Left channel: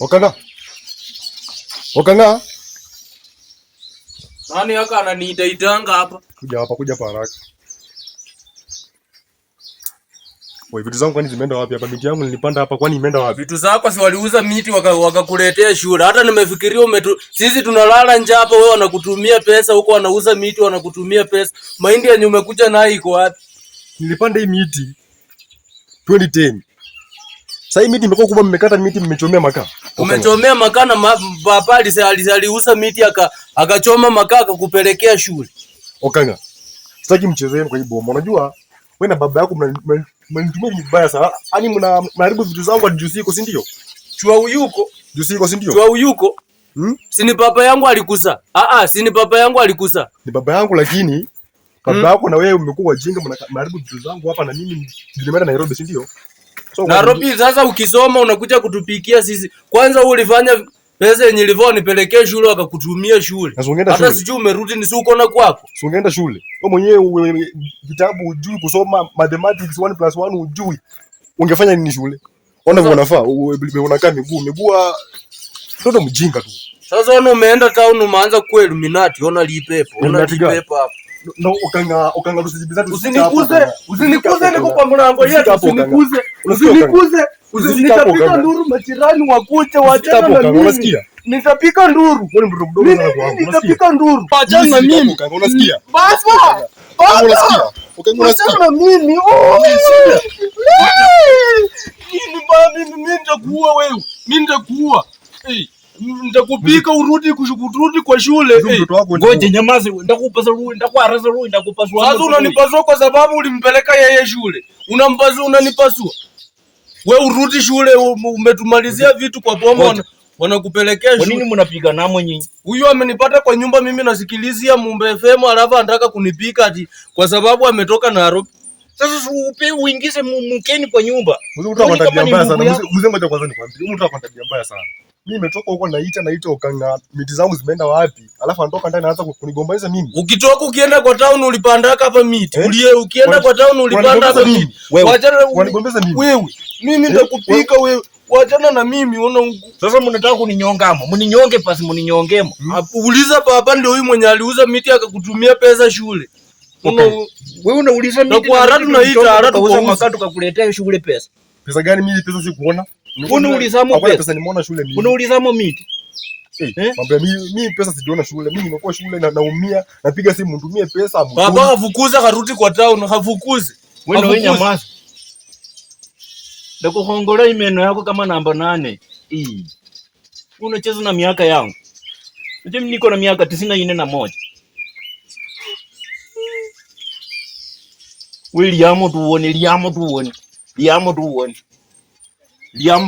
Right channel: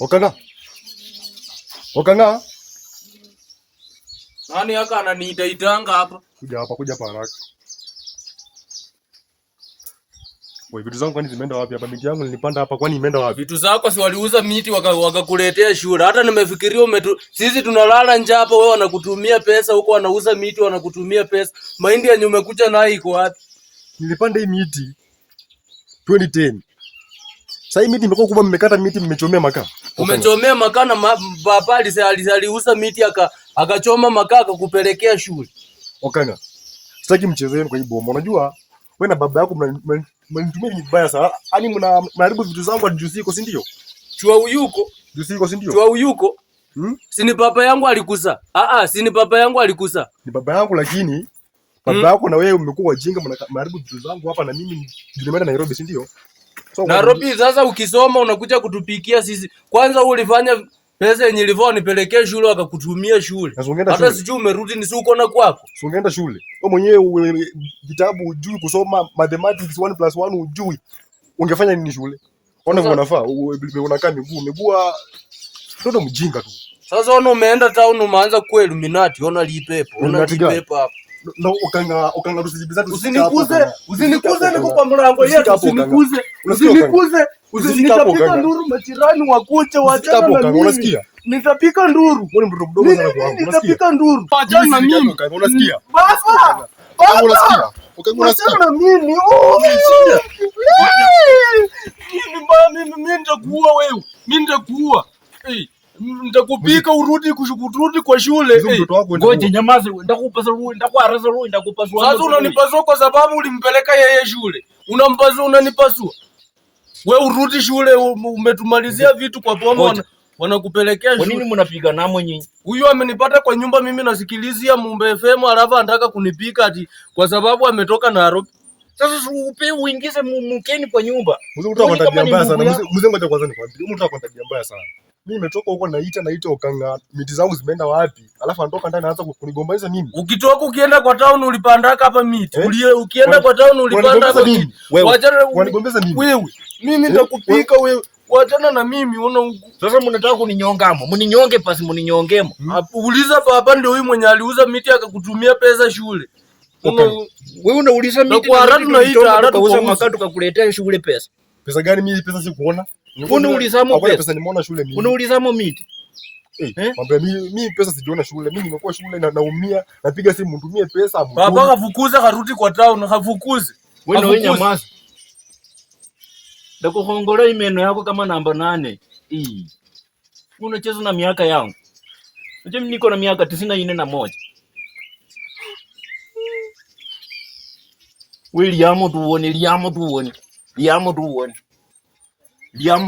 Okanga. Okanga. Nani haka ananiitaitanga hapa? Kuja hapa haraka. Wewe vitu zangu kwani zimeenda wapi hapa? Miti yangu nilipanda hapa kwani imeenda wapi? Vitu zako si waliuza miti wakakuletea shule. Hata nimefikiria sisi tunalala njaa hapa, wewe wanakutumia pesa huko, wanauza miti wanakutumia pesa. Mahindi yenye umekuja nayo iko wapi? Nilipanda hii miti 2010. Sasa hii miti imekuwa kubwa, mmekata miti, mmechomea makaa. Umechomea makaa na papa aliuza miti akachoma makaa akakupelekea shule. Okanga. Sitaki mchezo wenu kwa hii bomo. Unajua wewe na baba yako mnanitumia vibaya sana. Yaani mnaharibu vitu zangu hadi juzi iko, si ndio? Chua uyuko. Juzi iko, si ndio? Chua uyuko. Si ni baba yangu alikuza. Si ni baba yangu alikuza. Ni baba yangu, lakini baba yako na wewe mmekuwa wajinga, mnaharibu vitu zangu hapa na mimi nimeenda Nairobi, si ndio? So, Nairobi sasa ukisoma unakuja kutupikia sisi. Kwanza ulifanya pesa yenye ilivyo nipelekee shule wakakutumia shule. Hata sijui umerudi ni uko na kwako. Si ungeenda shule. Wewe mwenyewe vitabu hujui kusoma, mathematics 1+1 hujui. Ungefanya nini shule? Ona vile unafaa, unakaa miguu ndio mjinga tu. Sasa umeenda town umeanza ku Illuminati, ona lipepo. Ona lipepo hapa. No, Okanga tusijibizane. Usinikuze niko kwa mlango yetu, usinikuze. Nitapika nduru majirani wakuche waachane na mimi. Unasikia? Nitapika nduru. Wewe mtoto mdogo sana kwangu. Unasikia? Nitapika nduru. Waachane na mimi. Unasikia? Basta. Unasikia? Okanga unasikia? Waachane na mimi. Mimi nitakuua wewe. Mimi nitakuua. Nitakupika urudi kwa shule. Ngoja nyamaze, nitakupa ruhusa, nitakuarasa ruhusa, nitakupasua. Sasa unanipasua kwa sababu ulimpeleka yeye shule. Unampasua, unanipasua. Wewe urudi shule, umetumalizia vitu kwa boma wanakupelekea shule. Kwa nini mnapiga namo nyinyi? Huyu amenipata kwa nyumba mimi nasikilizia Mumbe FM, alafu anataka kunipika ati kwa sababu ametoka Nairobi. Sasa uingize mkeni kwa nyumba. Mzungu utakuwa tabia mbaya sana. Mzungu ngoja kwanza nikwambie. Utakuwa tabia mbaya sana. Mimi nimetoka huko naita Okanga, miti zangu zimeenda wapi? Alafu anatoka ndani anaanza kunigombanisha mimi. Ukitoka ukienda kwa town ulipanda hapa miti. Ukienda kwa town ulipanda hapa miti. Wachana wanigombeza mimi. Wewe, mimi nitakupika wewe. Wachana na mimi, ona huko. Sasa mnataka kuninyongamo. Mninyonge pasi mninyongemo. Uliza baba ndio huyu mwenye aliuza miti akakutumia pesa shule. Wewe unauliza miti na haratu naita haratu kwa makatu kakuletea shule pesa. Pesa gani? Mimi pesa si kuona. Unaulizamo pesa nimeona shule mimi. Unaulizamo miti. Mwambie mimi pesa sijaona shule. Mimi nimekuwa shule na naumia, napiga simu mtumie pesa. Baba hafukuza karudi kwa town, hafukuzi. Wewe nyamaza. Ndako hongola imeno yako kama namba 8. Unacheza na miaka yangu. Mimi niko na miaka 94. Wewe liamo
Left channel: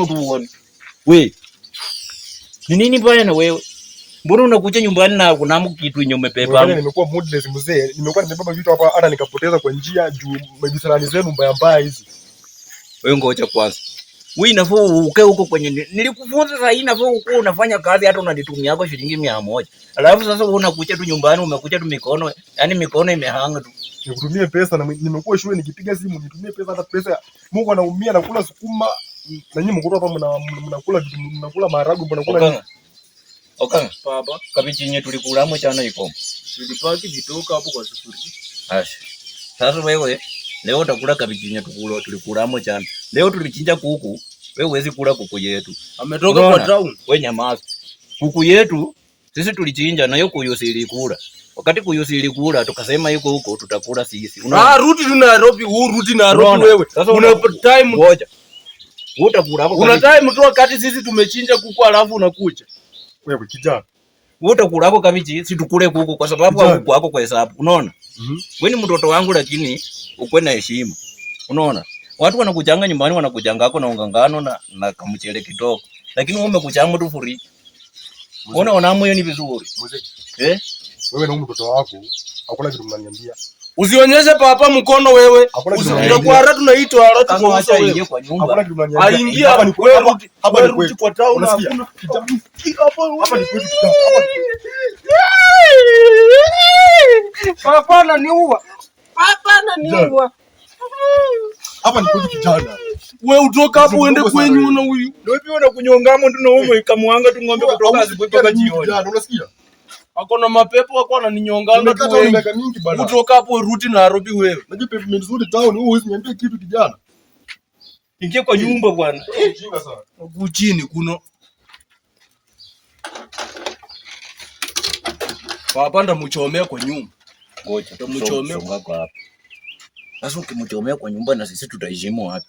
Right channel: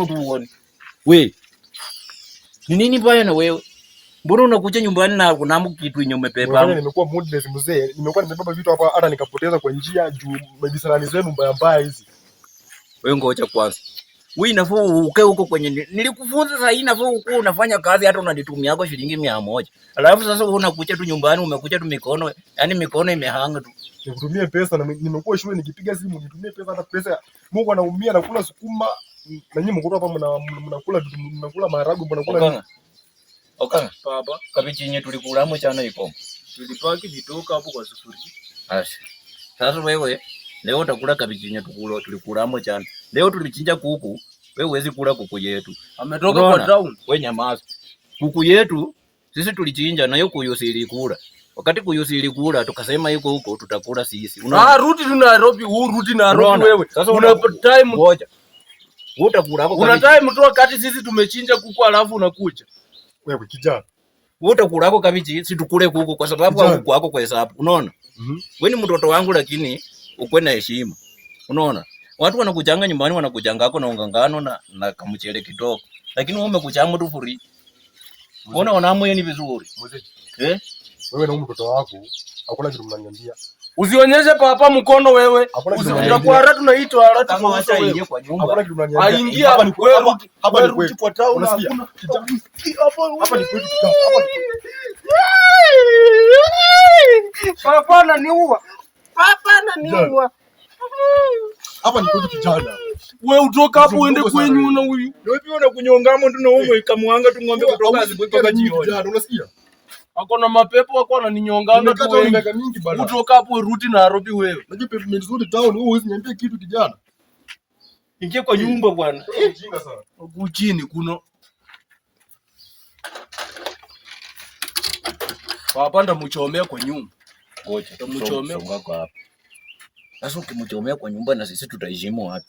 tuone. We. Ni nini baya na wewe? Mbona unakuja nyumbani na kuna kitu yenye umepepa? Nimekuwa moodless mzee. Nimekuwa nimebeba vitu hapa hata nikapoteza kwa njia juu majisalani zenu mbaya hizi. Wewe ngoja kwanza. Wewe inafaa ukae huko kwenye nilikufunza sasa, inafaa uko unafanya kazi hata unanitumia yako shilingi 100. Alafu sasa wewe unakuja tu nyumbani umekuja tu mikono, yani mikono imehanga tu. Nikutumie pesa na nimekuwa shule nikipiga simu nitumie pesa, hata pesa Mungu anaumia na kula sukuma na nyinyi mko hapa mnakula maharagwe mnakula. Okanga baba, kabichi yenyewe tulikulamo chana iko. Tulipaki vitoka hapo kwa sufuria. Ashi. Sasa wewe leo utakula kabichi yenyewe tulikulamo chana. Leo tulichinja kuku, wewe huwezi kula kuku yetu. Ametoka kwa town. Wewe nyamaza. Kuku yetu sisi tulichinja na yuko yosili kula. Wakati kuyusili kula tukasema yuko huko tutakula sisi. Rudi tu Nairobi, rudi Nairobi wewe. Una time ngoja. Utakula hapo. Una time tu wakati sisi tumechinja kuku alafu unakuja. Wewe kijana. Utakula hapo kabichi, si tukule kuku kwa sababu huko hapo kwa hesabu. Unaona? Wewe ni mtoto wangu lakini ukwe na heshima. Unaona? Watu wanakujanga nyumbani wanakujanga hako na ungangano na kamchele kidogo. Lakini wewe umekuchanga tu free. Unaona hiyo ni vizuri. Wewe na mtoto wako hakuna kitu mnaniambia. Usionyeshe papa mkono wewe. Utakuwa haratu tunaitwa haratu kwa acha ingie kwa nyumba. Hakuna kitu mnaniambia. Aingia hapa ni kwetu. Hapa ni kwetu kwa town hakuna. Hapa ni kwetu. Papa ananiua. Papa ananiua. Hapa ni kwetu kijana. Wewe utoka hapo uende kwenyu na huyu. Wewe pia unakunyongamo tu na wewe kamwanga tu ng'ombe kutoka asubuhi mpaka jioni. Unasikia? Ako na mapepo wako ananinyonganga tu wengi. Utoka hapo rudi Nairobi wewe. Unajua pavement nzuri town, huwezi niambia kitu kijana. Ingia kwa nyumba bwana. Mjinga sana. Huku chini kuna wapanda mchomea kwa nyumba. Ngoja mchomea kwa hapa. Sasa ukimchomea kwa nyumba na sisi tutaheshimu wapi?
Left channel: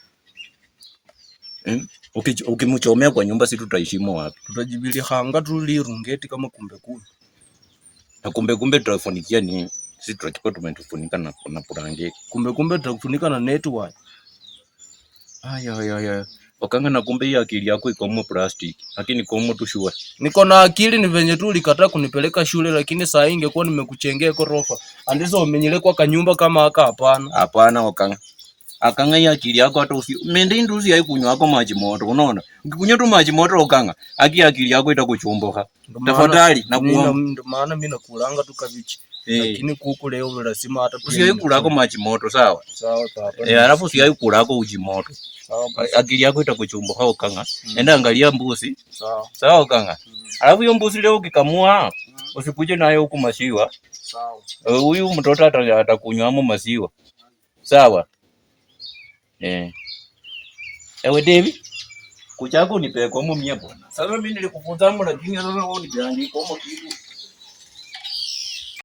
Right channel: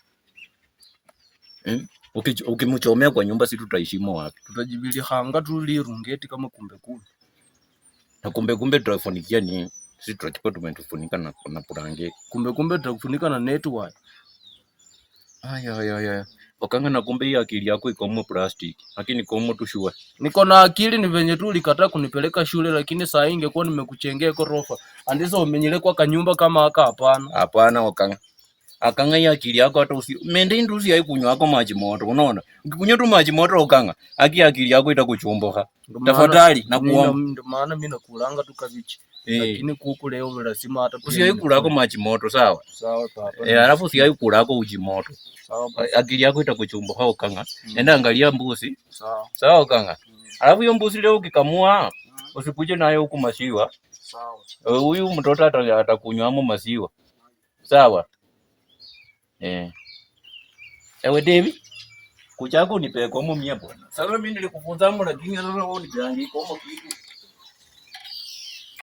Ukimchomea kwa nyumba sisi tutaheshimu wapi? Tutajibili hanga tu lirungeti kama kumbe. Na kumbe tutafunikia ni sisi tutachukua tumetufunika na purangeti. Kumbe tutakufunika na network. Aya. Wakanga na kumbe hii akili yako iko mo plastic. Lakini komo tu shua. Niko na akili ni venye tu ulikataa kunipeleka shule lakini saa hii ingekuwa nimekuchengea gorofa. Andizo umenyele kwa kanyumba kama haka hapana. Hapana wakanga. Akanga hii akili yako hata mende nduzi haikunywa yako maji moto unaona. Ukikunywa tu maji moto wakanga, akili yako itakuchomboka. Tafadhali na kuomba. Ndio maana mimi nakulanga tu kabichi. Lakini kuku leo lazima hata usiwahi kulako maji moto sawa? Sawa papa. Alafu usiwahi kulako uji moto. Sawa basi. Akili yako itakuchomboka wakanga. Enda angalia mbuzi. Sawa. Sawa wakanga. Alafu hiyo mbuzi leo ukikamua usikuje nayo huku maziwa. Sawa. Huyu mtoto atakunywa maziwa. Sawa? Ewe David, kuchako nipe kwa mia bwana. Sasa mimi nilikufunza lakini sasa wewe uniandike kwa kitu.